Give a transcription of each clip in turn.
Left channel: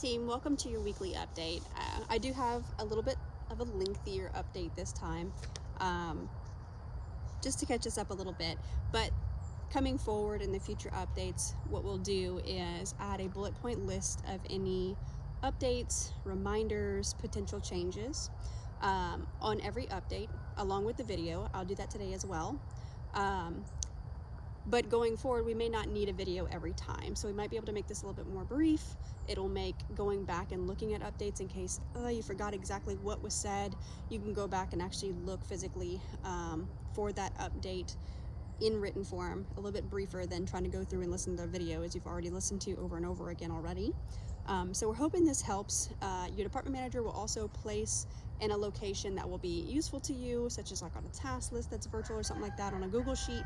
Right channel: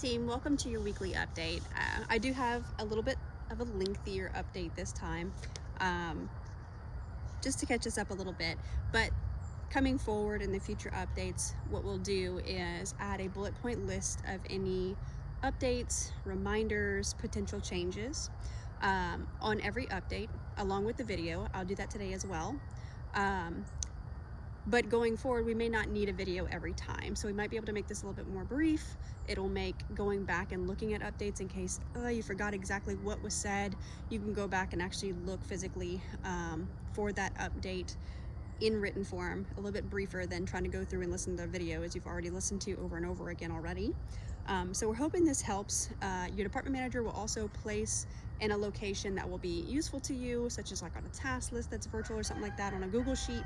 team, welcome to your weekly update. I do have a little bit of a lengthier update this time, just to catch us up a little bit, but coming forward in the future updates, what we'll do is add a bullet point list of any updates, reminders, potential changes on every update, along with the video. I'll do that today as well. But going forward, we may not need a video every time, so we might be able to make this a little bit more brief. It'll make going back and looking at updates in case you forgot exactly what was said. You can go back and actually look physically for that update in written form, a little bit briefer than trying to go through and listen to the video as you've already listened to over and over again already. So we're hoping this helps. Your department manager will also place in a location that will be useful to you, such as like on a task list that's virtual or something like that on a Google Sheet,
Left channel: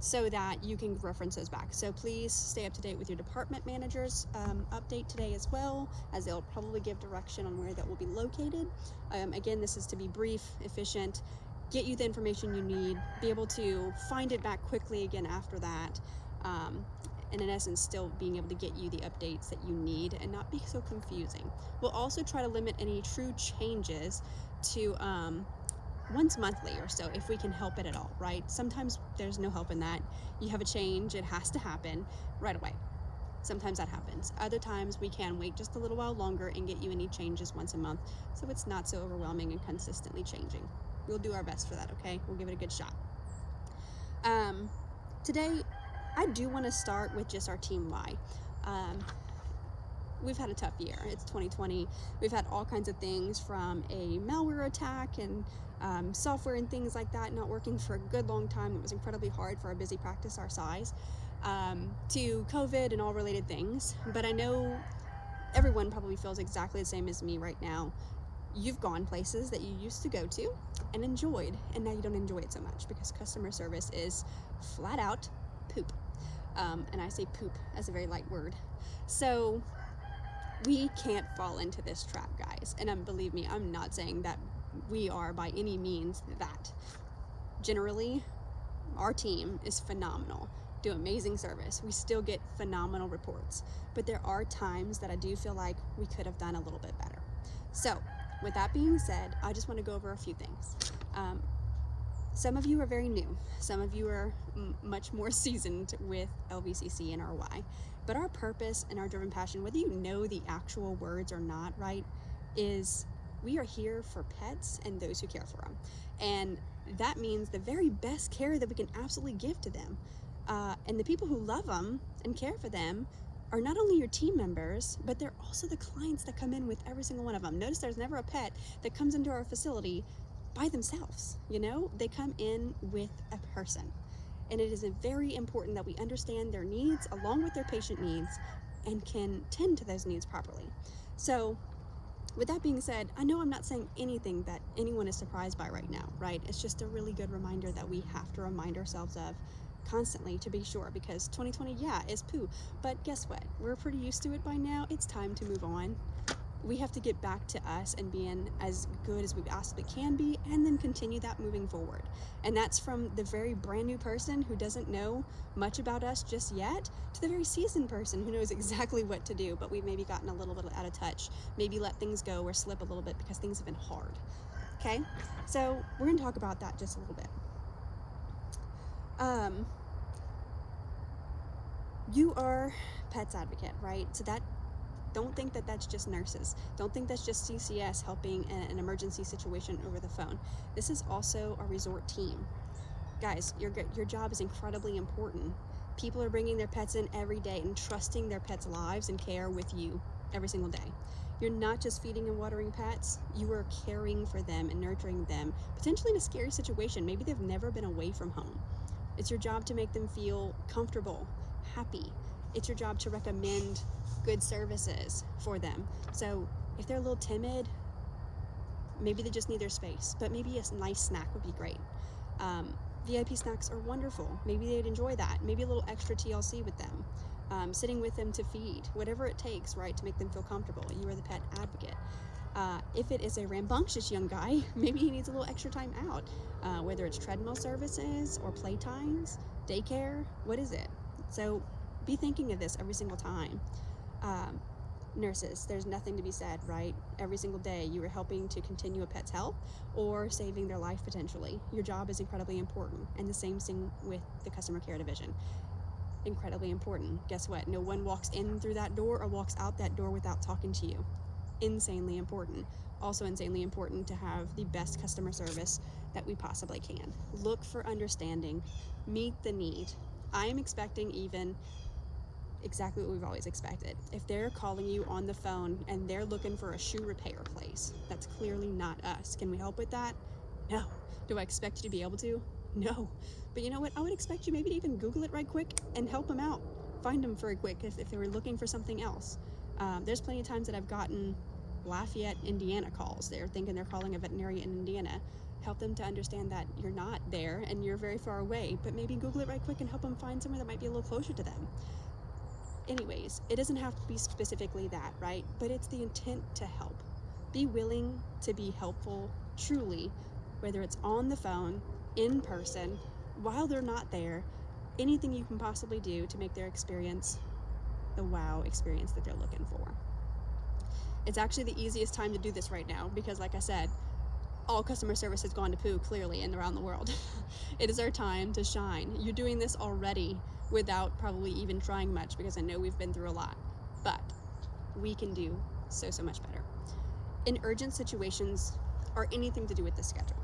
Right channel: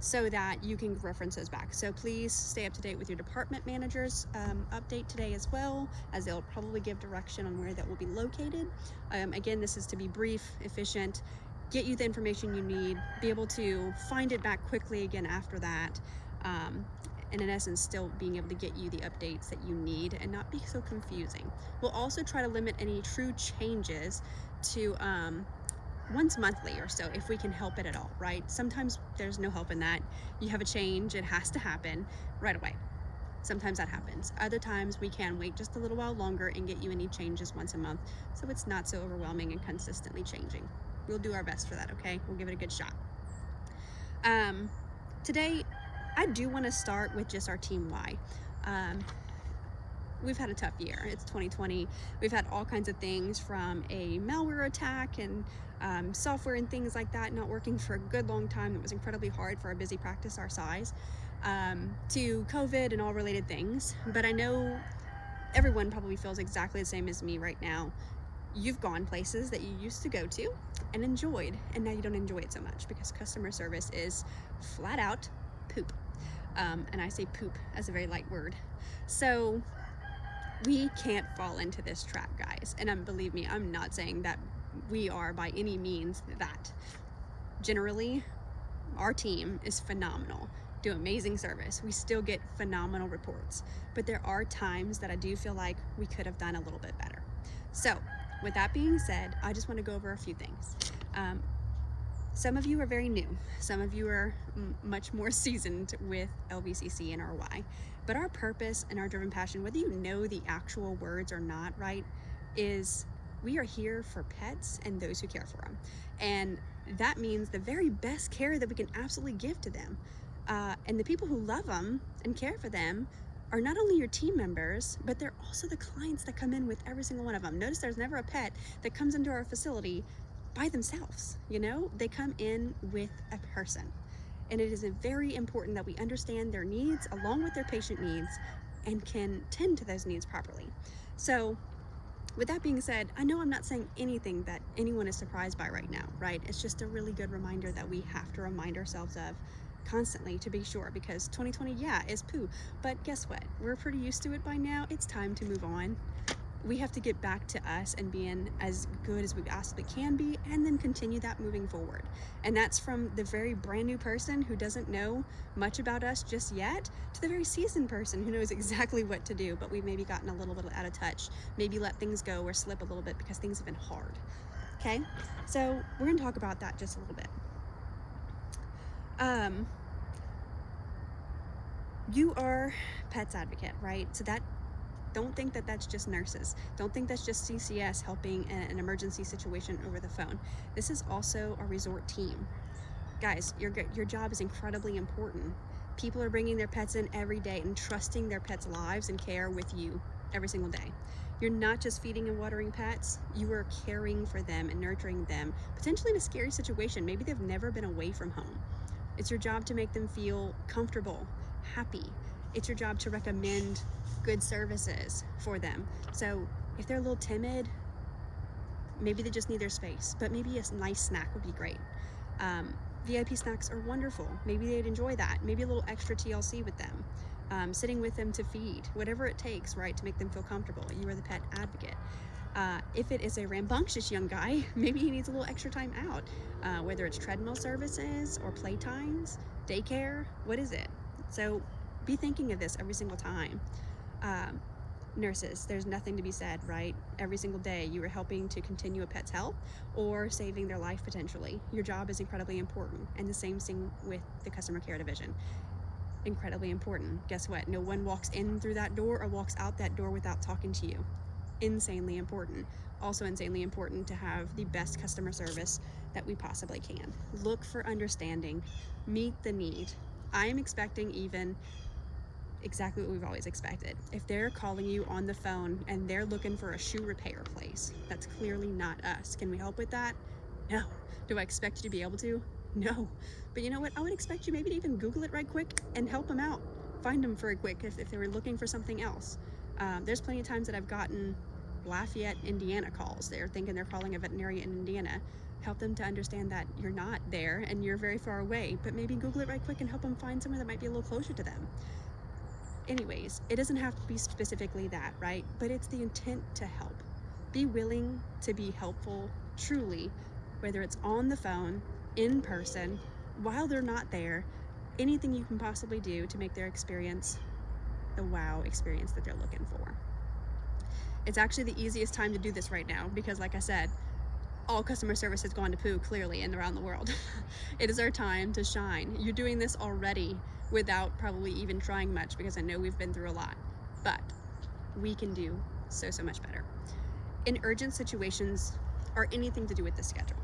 so that you can reference those back. So please stay up to date with your department manager's update today as well, as they'll probably give direction on where that will be located. Again, this is to be brief, efficient, get you the information you need, be able to find it back quickly again after that, and in essence still being able to get you the updates that you need and not be so confusing. We'll also try to limit any true changes to once monthly or so, if we can help it at all, right? Sometimes there's no help in that. You have a change, it has to happen right away. Sometimes that happens. Other times we can wait just a little while longer and get you any changes once a month, so it's not so overwhelming and consistently changing. We'll do our best for that, okay? We'll give it a good shot. Today, I do want to start with just our team why. We've had a tough year. It's 2020. We've had all kinds of things, from a malware attack and software and things like that not working for a good long time. It was incredibly hard for a busy practice our size, to COVID and all related things. But I know everyone probably feels exactly the same as me right now. You've gone places that you used to go to and enjoyed, and now you don't enjoy it so much because customer service is flat out poop. And I say poop as a very light word. So we can't fall into this trap, guys. And believe me, I'm not saying that we are by any means that. Generally, our team is phenomenal, do amazing service. We still get phenomenal reports. But there are times that I do feel like we could have done a little bit better. So with that being said, I just want to go over a few things. Some of you are very new. Some of you are much more seasoned with LVCC and RY. But our purpose and our driven passion, whether you know the actual words or not, right, is we are here for pets and those who care for them. And that means the very best care that we can absolutely give to them. And the people who love them and care for them are not only your team members, but they're also the clients that come in with every single one of them. Notice there's never a pet that comes into our facility by themselves. You know, they come in with a person. And it is very important that we understand their needs along with their patient needs and can tend to those needs properly. So with that being said, I know I'm not saying anything that anyone is surprised by right now, right? It's just a really good reminder that we have to remind ourselves of constantly, to be sure, because 2020, yeah, is poo. But guess what? We're pretty used to it by now. It's time to move on. We have to get back to us and being as good as we possibly can be, and then continue that moving forward. And that's from the very brand new person who doesn't know much about us just yet, to the very seasoned person who knows exactly what to do, but we've maybe gotten a little bit out of touch, maybe let things go or slip a little bit because things have been hard. Okay, so we're going to talk about that just a little bit. You are Pets Advocate, right? So that, don't think that that's just nurses. Don't think that's just CCS helping in an emergency situation over the phone. This is also a resort team. Guys, your job is incredibly important. People are bringing their pets in every day and trusting their pets' lives and care with you every single day. You're not just feeding and watering pets, you are caring for them and nurturing them, potentially in a scary situation. Maybe they've never been away from home. It's your job to make them feel comfortable, happy. It's your job to recommend good services for them. So if they're a little timid, maybe they just need their space, but maybe a nice snack would be great. VIP snacks are wonderful. Maybe they'd enjoy that. Maybe a little extra TLC with them. Sitting with them to feed, whatever it takes, right, to make them feel comfortable. You are the Pet Advocate. If it is a rambunctious young guy, maybe he needs a little extra time out, whether it's treadmill services or playtimes, daycare, what is it? So be thinking of this every single time. Nurses, there's nothing to be said, right? Every single day you are helping to continue a pet's health or saving their life potentially. Your job is incredibly important, and the same thing with the customer care division. Incredibly important. Guess what? No one walks in through that door or walks out that door without talking to you. Insanely important. Also insanely important to have the best customer service that we possibly can. Look for understanding. Meet the need. I am expecting even exactly what we've always expected. If they're calling you on the phone and they're looking for a shoe repair place, that's clearly not us. Can we help with that? No. Do I expect you to be able to? No. But you know what? I would expect you maybe to even Google it right quick and help them out. Find them very quick if they were looking for something else. There's plenty of times that I've gotten Lafayette, Indiana calls. They're thinking they're calling a veterinarian in Indiana. Help them to understand that you're not there and you're very far away, but maybe Google it right quick and help them find somewhere that might be a little closer to them. Anyways, it doesn't have to be specifically that, right? But it's the intent to help. Be willing to be helpful, truly, whether it's on the phone, in person, while they're not there, anything you can possibly do to make their experience the wow experience that they're looking for. It's actually the easiest time to do this right now because, like I said, all customer service has gone to poo clearly and around the world. It is our time to shine. You're doing this already without probably even trying much because I know we've been through a lot, but we can do so much better. In urgent situations or anything to do with the schedule,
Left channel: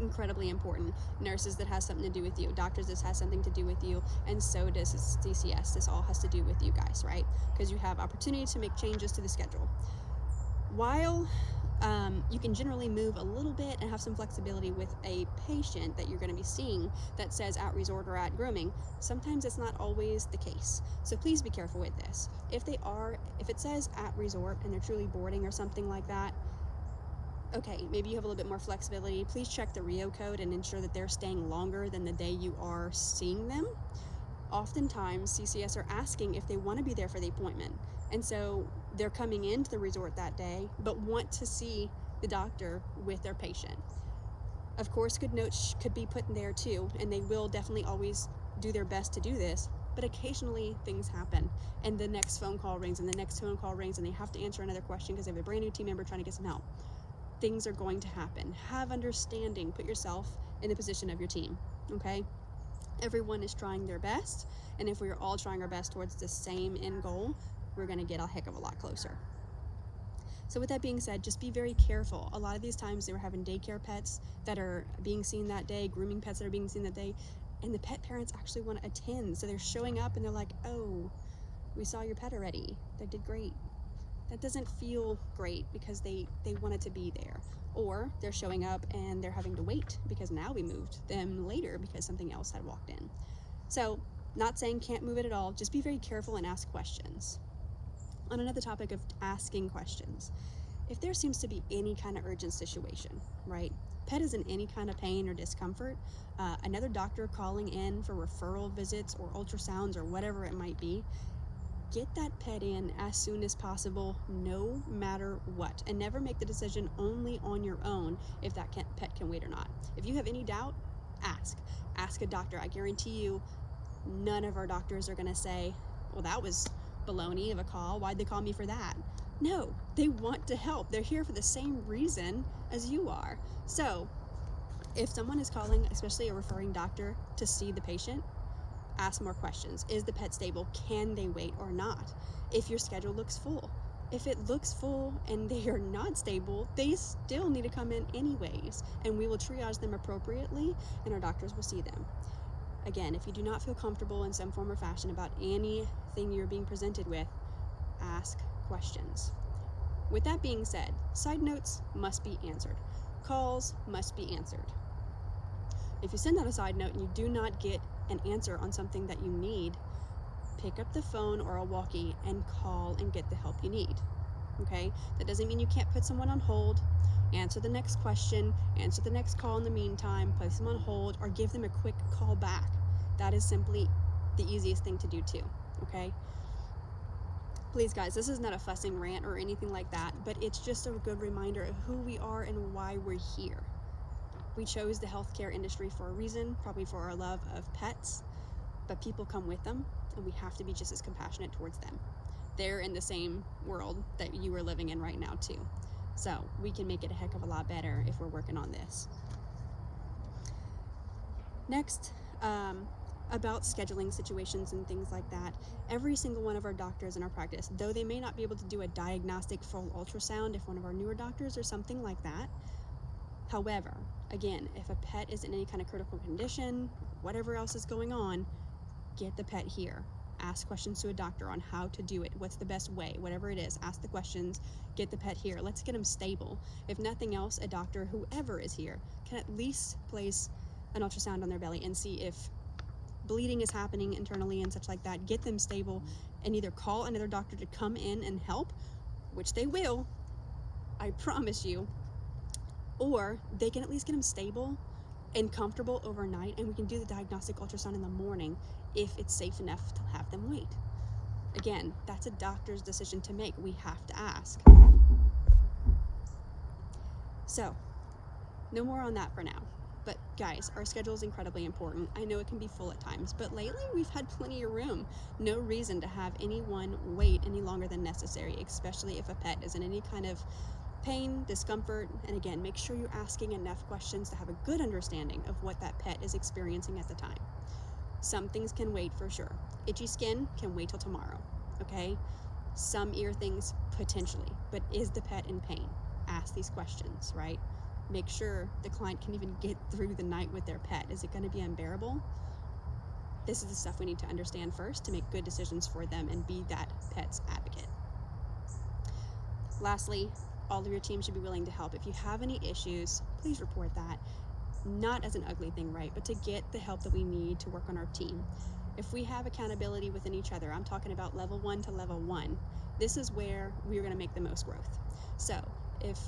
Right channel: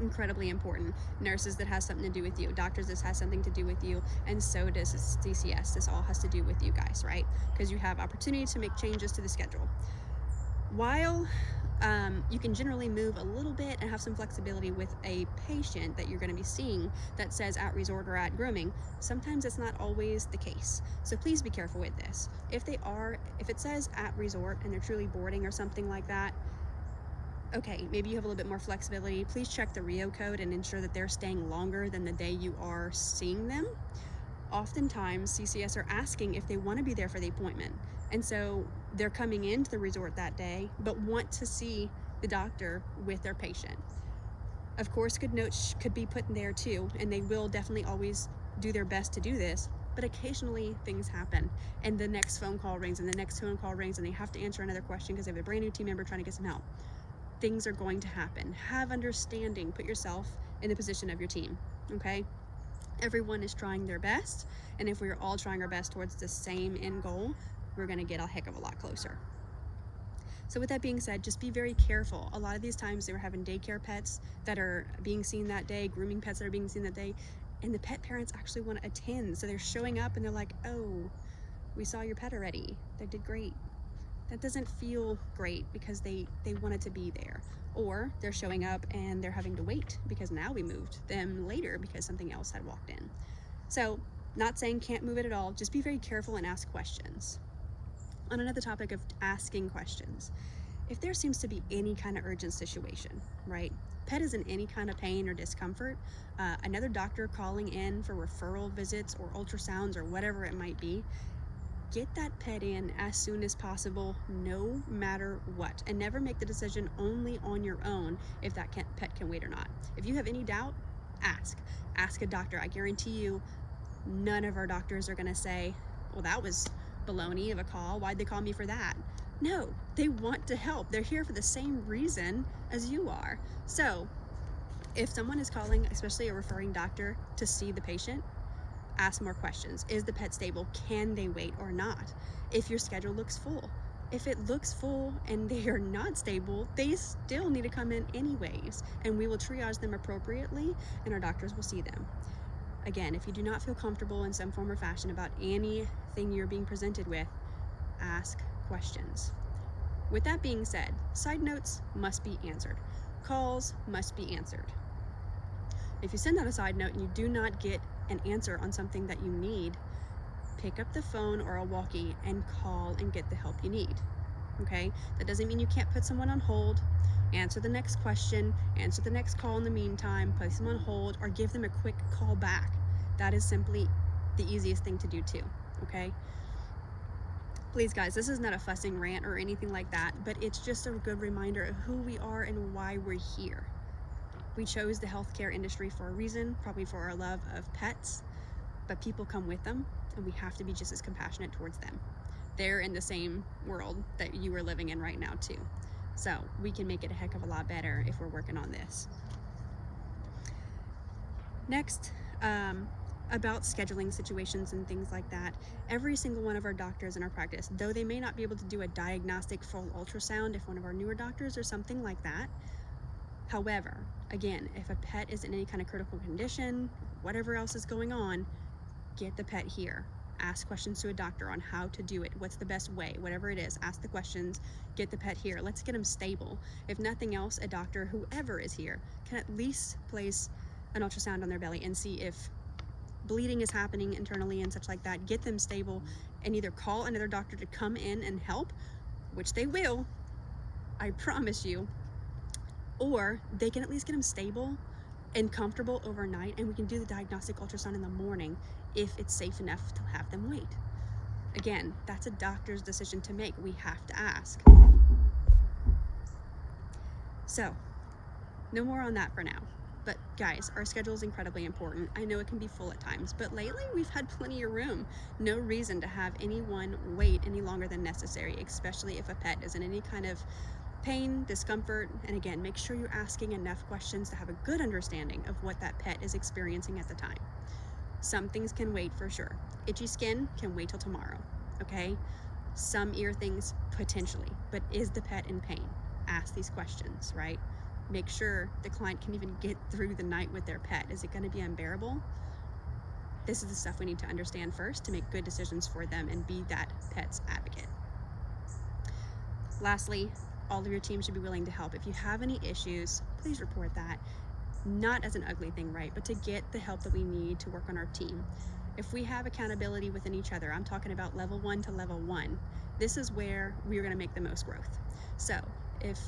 incredibly important. Nurses, that has something to do with you. Doctors, this has something to do with you, and so does CCS. This all has to do with you guys, right? Because you have opportunity to make changes to the schedule. While you can generally move a little bit and have some flexibility with a patient that you're going to be seeing that says at resort or at grooming, sometimes it's not always the case. So please be careful with this. If it says at resort and they're truly boarding or something like that, okay, maybe you have a little bit more flexibility. Please check the RIO code and ensure that they're staying longer than the day you are seeing them. Oftentimes, CCS are asking if they want to be there for the appointment. And so they're coming into the resort that day, but want to see the doctor with their patient. Of course, good notes could be put in there too, and they will definitely always do their best to do this, but occasionally things happen, and the next phone call rings, and the next phone call rings, and they have to answer another question because they have a brand new team member trying to get some help. Things are going to happen. Have understanding. Put yourself in the position of your team, okay? Everyone is trying their best, and if we're all trying our best towards the same end goal, we're going to get a heck of a lot closer. So with that being said, just be very careful. A lot of these times they were having daycare pets that are being seen that day, grooming pets that are being seen that day, and the pet parents actually want to attend. So they're showing up and they're like, oh, we saw your pet already. They did great. That doesn't feel great because they wanted to be there. Or they're showing up and they're having to wait because now we moved them later because something else had walked in. So not saying can't move it at all, just be very careful and ask questions. On another topic of asking questions, if there seems to be any kind of urgent situation, right? Pet is in any kind of pain or discomfort, another doctor calling in for referral visits or ultrasounds or whatever it might be, get that pet in as soon as possible, no matter what, and never make the decision only on your own if that pet can wait or not. If you have any doubt, ask a doctor. I guarantee you none of our doctors are going to say, well, that was baloney of a call. Why'd they call me for that? No, they want to help. They're here for the same reason as you are. So if someone is calling, especially a referring doctor, to see the patient, ask more questions. Is the pet stable? Can they wait or not? If your schedule looks full. If it looks full and they are not stable, they still need to come in anyways, and we will triage them appropriately and our doctors will see them. Again, if you do not feel comfortable in some form or fashion about anything you're being presented with, ask questions. With that being said, side notes must be answered. Calls must be answered. If you send out a side note and you do not get an answer on something that you need, pick up the phone or a walkie and call and get the help you need. Okay? That doesn't mean you can't put someone on hold, answer the next question, answer the next call in the meantime, place them on hold, or give them a quick call back. That is simply the easiest thing to do too, okay? Please guys, this is not a fussing rant or anything like that, but it's just a good reminder of who we are and why we're here. We chose the healthcare industry for a reason, probably for our love of pets, but people come with them, and we have to be just as compassionate towards them. they're in the same world that you are living in right now too. So we can make it a heck of a lot better if we're working on this. Next, about scheduling situations and things like that. Every single one of our doctors in our practice, though they may not be able to do a diagnostic full ultrasound if one of our newer doctors or something like that. However, again, if a pet is in any kind of critical condition, whatever else is going on, get the pet here. Ask questions to a doctor on how to do it. What's the best way? Whatever it is, ask the questions, get the pet here. Let's get them stable. If nothing else, a doctor, whoever is here, can at least place an ultrasound on their belly and see if bleeding is happening internally and such like that. Get them stable and either call another doctor to come in and help, which they will, I promise you, or they can at least get them stable and comfortable overnight, and we can do the diagnostic ultrasound in the morning if it's safe enough to have them wait. Again, that's a doctor's decision to make. We have to ask. So, no more on that for now. But guys, our schedule is incredibly important. I know it can be full at times, but lately we've had plenty of room. No reason to have anyone wait any longer than necessary, especially if a pet is in any kind of pain, discomfort, and again, make sure you're asking enough questions to have a good understanding of what that pet is experiencing at the time. Some things can wait for sure. Itchy skin can wait till tomorrow, okay? Some ear things potentially, but is the pet in pain? Ask these questions, right? Make sure the client can even get through the night with their pet. Is it going to be unbearable? This is the stuff we need to understand first to make good decisions for them and be that pet's advocate. Lastly, all of your team should be willing to help. If you have any issues, please report that. Not as an ugly thing, right? But to get the help that we need to work on our team. If we have accountability within each other, I'm talking about level 1 to level 1, this is where we're going to make the most growth. So if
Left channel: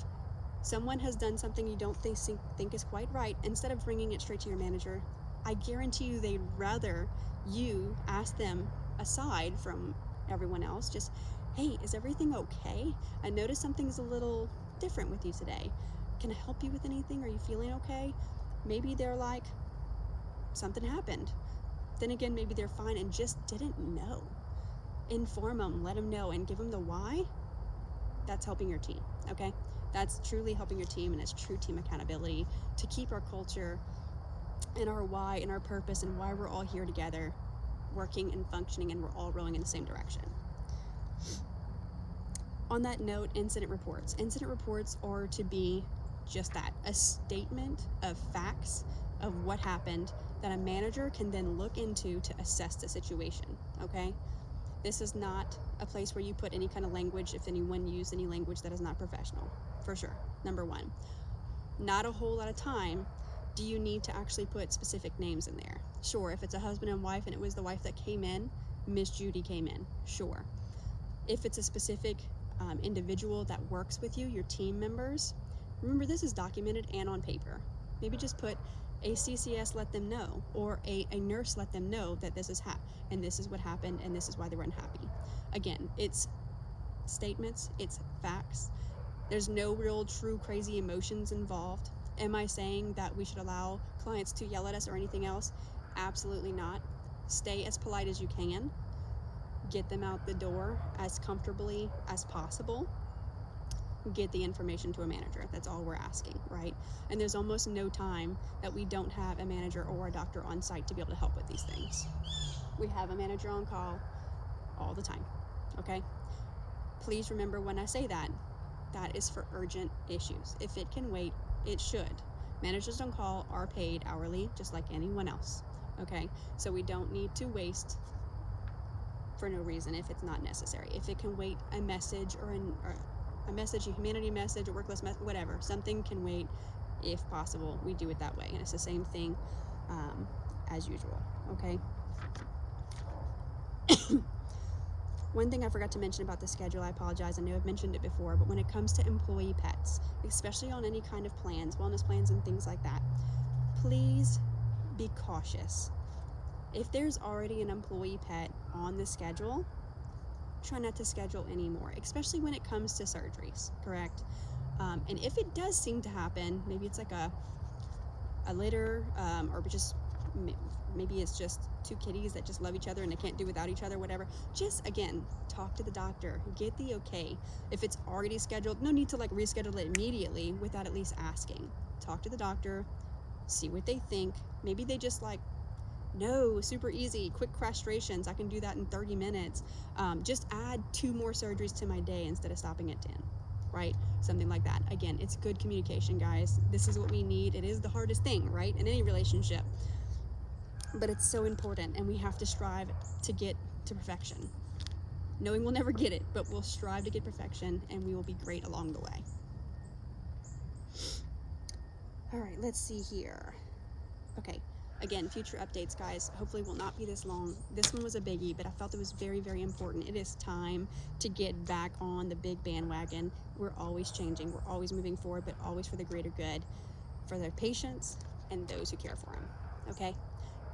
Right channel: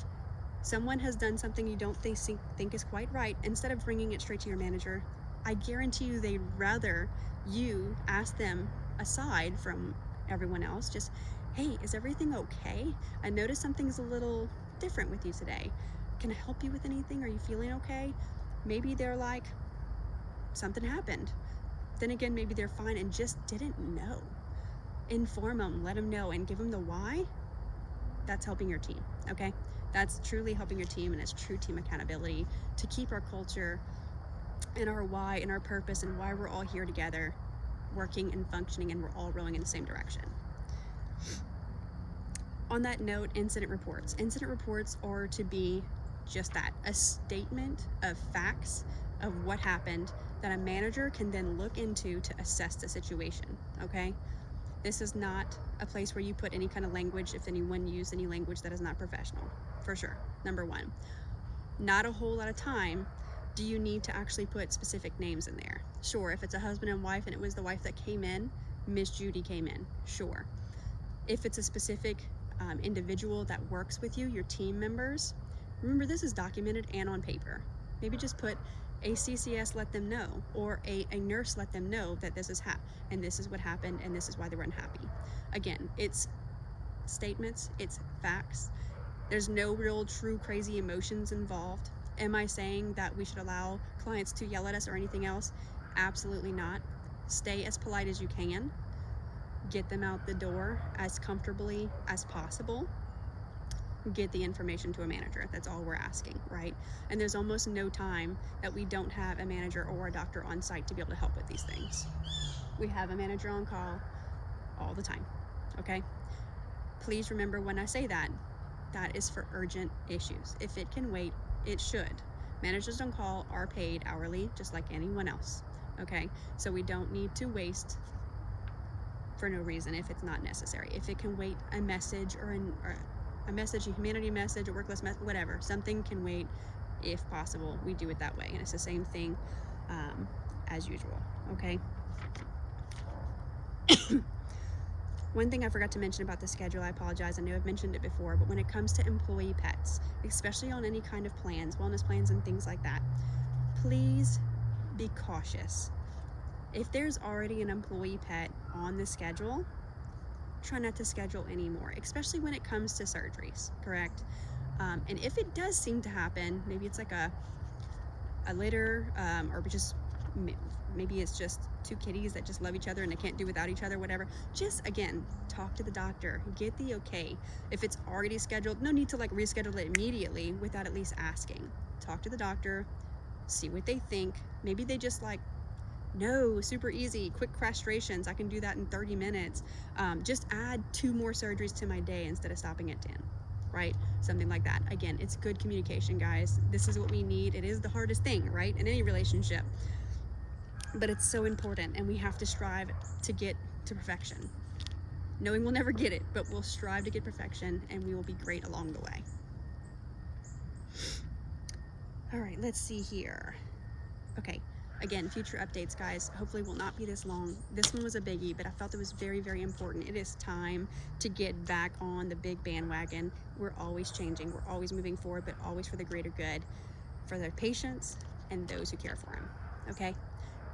someone has done something you don't think is quite right, instead of bringing it straight to your manager, I guarantee you they'd rather you ask them aside from everyone else, just, hey, is everything okay? I noticed something's a little different with you today. Can I help you with anything? Are you feeling okay? Maybe they're like, something happened. Then again, maybe they're fine and just didn't know. Inform them, let them know, and give them the why. That's helping your team, okay? That's truly helping your team, and it's true team accountability to keep our culture and our why and our purpose and why we're all here together, working and functioning, and we're all rowing in the same direction. On that note, incident reports. Incident reports are to be just that, a statement of facts of what happened that a manager can then look into to assess the situation, okay? This is not a place where you put any kind of language, if anyone used any language that is not professional, for sure, number one. Not a whole lot of time do you need to actually put specific names in there. Sure, if it's a husband and wife and it was the wife that came in, Miss Judy came in, sure. If it's a specific individual that works with you, your team members, remember this is documented and on paper. Maybe just put a CCS let them know, or a nurse let them know that this is and this is what happened and this is why they were unhappy. Again, it's statements, it's facts. There's no real true crazy emotions involved. Am I saying that we should allow clients to yell at us or anything else? Absolutely not. Stay as polite as you can. Get them out the door as comfortably as possible. Get the information to a manager. That's all we're asking, right? And there's almost no time that we don't have a manager or a doctor on site to be able to help with these things. We have a manager on call all the time, okay? Please remember when I say that, that is for urgent issues. If it can wait, it should. Managers on call are paid hourly, just like anyone else, okay? So we don't need to waste for no reason if it's not necessary. If it can wait, a message or a message, a humanity message, a workless message, whatever, something can wait. If possible, we do it that way, and it's the same thing as usual, okay? One thing I forgot to mention about the schedule, I apologize, I know I've mentioned it before, but when it comes to employee pets, especially on any kind of plans, wellness plans and things like that, please be cautious. If there's already an employee pet on the schedule, try not to schedule anymore, especially when it comes to surgeries, correct? And if it does seem to happen, maybe it's like a litter or just maybe it's just two kitties that just love each other and they can't do without each other, whatever. Just, again, talk to the doctor, get the okay. If it's already scheduled, no need to like reschedule it immediately without at least asking. Talk to the doctor, see what they think. Maybe they just like, no, super easy, quick castrations, I can do that in 30 minutes. Just add 2 more surgeries to my day instead of stopping at 10, right? Something like that. Again, it's good communication, guys. This is what we need. It is the hardest thing, right, in any relationship. But it's so important, and we have to strive to get to perfection. Knowing we'll never get it, but we'll strive to get perfection, and we will be great along the way. All right, let's see here. Okay. Again, future updates, guys, hopefully will not be this long. This one was a biggie, but I felt it was very, very important. It is time to get back on the big bandwagon. We're always changing. We're always moving forward, but always for the greater good for the patients and those who care for them. Okay?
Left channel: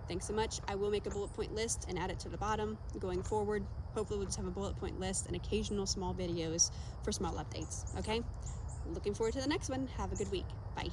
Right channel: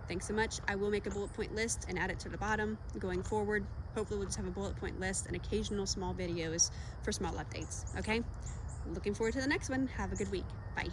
Thanks so much. I will make a bullet point list and add it to the bottom going forward. Hopefully we'll just have a bullet point list and occasional small videos for small updates. Okay? Looking forward to the next one. Have a good week. Bye.